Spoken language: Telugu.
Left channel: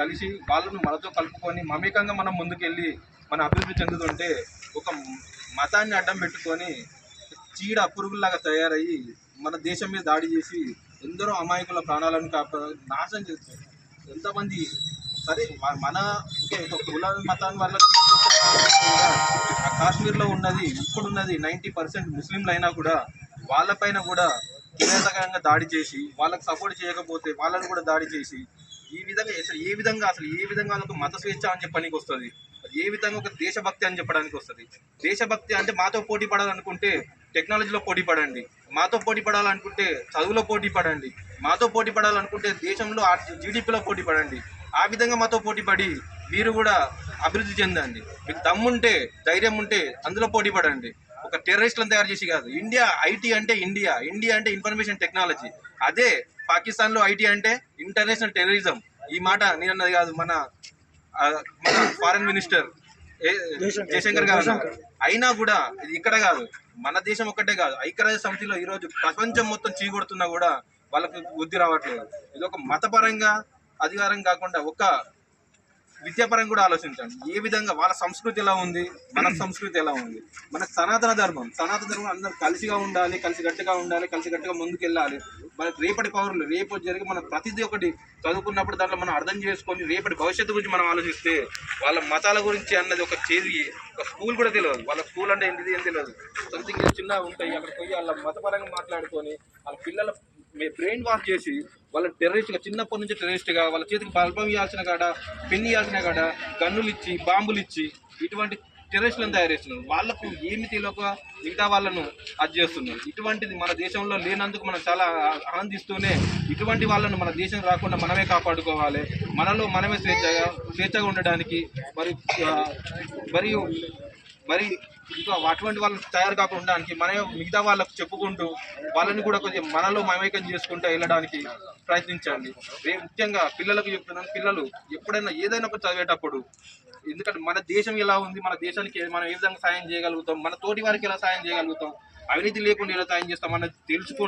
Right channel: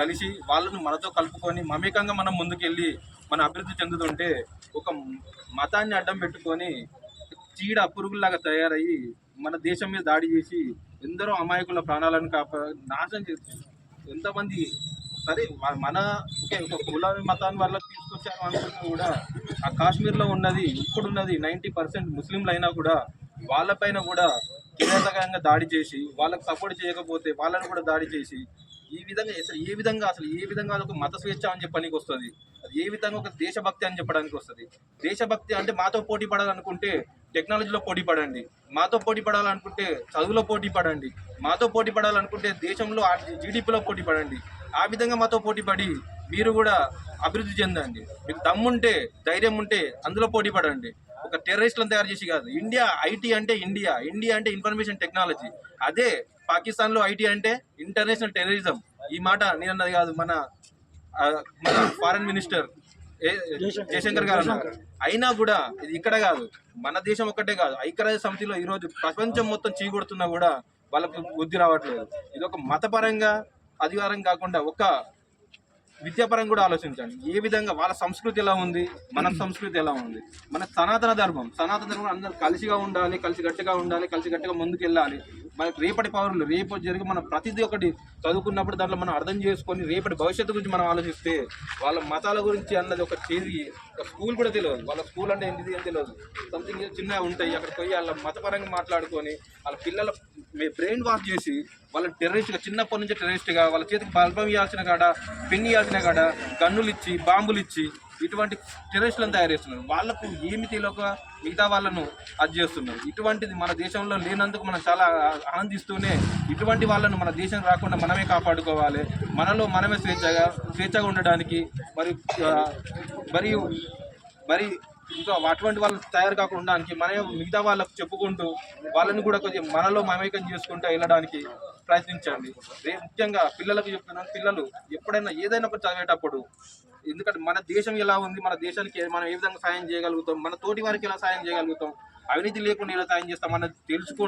కలిసి వాళ్ళను మనతో కలుపుకొని మమేకంగా మనం ముందుకెళ్ళి మన అభివృద్ధి చెందుతుంటే ఒక మతాన్ని అడ్డం పెట్టుకొని చీడ పురుగుల్లాగా తయారయ్యి మన దేశం మీద దాడి చేసి ఎందరో అమాయకుల ప్రాణాలను నాశనం చేస్తుంది. ఎంతమంది సరే మన ఓకే ఒక కుల మతాన్ని వల్ల కూడా ఆ కాశ్మీర్లో ఉన్నది ఇప్పుడున్నది 90% ముస్లింలు అయినా కూడా వాళ్ళపైన కూడా కిరాతకంగా దాడి చేసి వాళ్ళకి సపోర్ట్ చేయకపోతే వాళ్ళని కూడా దాడి చేసి ఈ విధంగా అసలు ఏ విధంగా వాళ్ళకు మత స్వేచ్ఛ అని చెప్పడానికి వస్తుంది. అది ఏ విధంగా ఒక దేశభక్తి అని చెప్పడానికి వస్తుంది. దేశభక్తి అంటే మాతో పోటీ పడాలనుకుంటే టెక్నాలజీలో పోటీ పడండి, మాతో పోటీ పడాలనుకుంటే చదువులో పోటీ పడండి, మాతో పోటీ పడాలనుకుంటే దేశంలో జీడిపిలో పోటీ పడండి. ఆ విధంగా మాతో పోటీ పడి మీరు కూడా అభివృద్ధి చెందండి. మీకు దమ్ముంటే ధైర్యం ఉంటే అందులో పోటీ పడండి. ఒక టెర్రరిస్టులను తయారు చేసి కాదు. ఇండియా ఐటీ అంటే ఇండియా అంటే ఇన్ఫర్మేషన్ టెక్నాలజీ. అదే పాకిస్తాన్లో ఐటీ అంటే ఇంటర్నేషనల్ టెర్రరిజం. ఈ మాట నేను అన్నది కాదు, మన ఫారెన్ మినిస్టర్ జయశంకర్ గారు అన్నారు. అయినా కూడా ఇది ఇక్కడ కాదు, మన దేశం ఒక్కటే కాదు, ఐక్యరాజ్య సమితిలో ఈరోజు ప్రపంచం మొత్తం చీకొడుతున్నా కూడా వాళ్ళకు బుద్ధి రావట్లేదు. ఇది ఒక మతపరంగా అధికారం కాకుండా ఒక విద్యాపరంగా కూడా ఆలోచించండి. ఏ విధంగా వాళ్ళ సంస్కృతి ఎలా ఉంది, మన సంస్కృతి ఎలా ఉంది. మన సనాతన ధర్మం అందరూ కలిసిగా ఉండాలి, కలిసిగట్టుగా ఉండాలి, కలిసిగట్టుగా ముందుకు వెళ్ళాలి. మనకు రేపటి పౌరులు రేపు జరిగి మనం ప్రతిదీ ఒకటి చదువుకున్నప్పుడు దాంట్లో మనం అర్థం చేసుకొని రేపటి భవిష్యత్తు గురించి మనం ఆలోచిస్తే వాళ్ళ మతాల గురించి అన్నది ఒక స్కూల్ కూడా తెలియదు. వాళ్ళ స్కూల్ అంటే ఏంటిది ఏం తెలియదు. సంథింగ్ చిన్న ఉంటాయి, అక్కడ పోయి వాళ్ళ మతపరంగా మాట్లాడుకొని వాళ్ళ పిల్లల బ్రెయిన్ వాష్ చేసి వాళ్ళని టెర్రరిస్ట్గా చిన్నప్పటి నుంచి టెర్రరిస్ట్గా వాళ్ళ చేతికి బల్బం ఇవ్వాల్సిన కాడ, పెన్ ఇవ్వాల్సిన కాడ గన్నులు ఇచ్చి బాంబులు ఇచ్చి ఇటువంటి టెర్రరిస్టులను తయారు చేస్తున్నారు. వాళ్ళకు ఏమి తెలియక మిగతా వాళ్ళను అది చేస్తున్నారు. ఇటువంటిది మన దేశంలో లేనందుకు మనం చాలా ఆనందిస్తూనే ఇటువంటి వాళ్ళను మన దేశం రాకుండా మనమే కాపాడుకోవాలి. మనలో మనమే స్వేచ్ఛగా ఉండడానికి మరి ఇంకా అటువంటి వాళ్ళు తయారు కాకుండా ఉండడానికి మనమే మిగతా వాళ్ళకు చెప్పుకుంటూ వాళ్ళని కూడా కొద్దిగా మనలో మమేకం చేసుకుంటూ వెళ్ళడానికి ప్రయత్నించండి. ముఖ్యంగా పిల్లలకు చెప్తున్నాను, పిల్లలు ఎప్పుడైనా ఏదైనా ఒకటి చదివేటప్పుడు, ఎందుకంటే మన దేశం ఎలా ఉంది, మన దేశానికి మనం ఏ విధంగా సాయం చేయగలుగుతాం, మన తోటి వారికి ఎలా సాయం చేయగలుగుతాం, అవినీతి లేకుండా ఎలా సాయం చేస్తాం అన్నది తెలుసుకుంటూ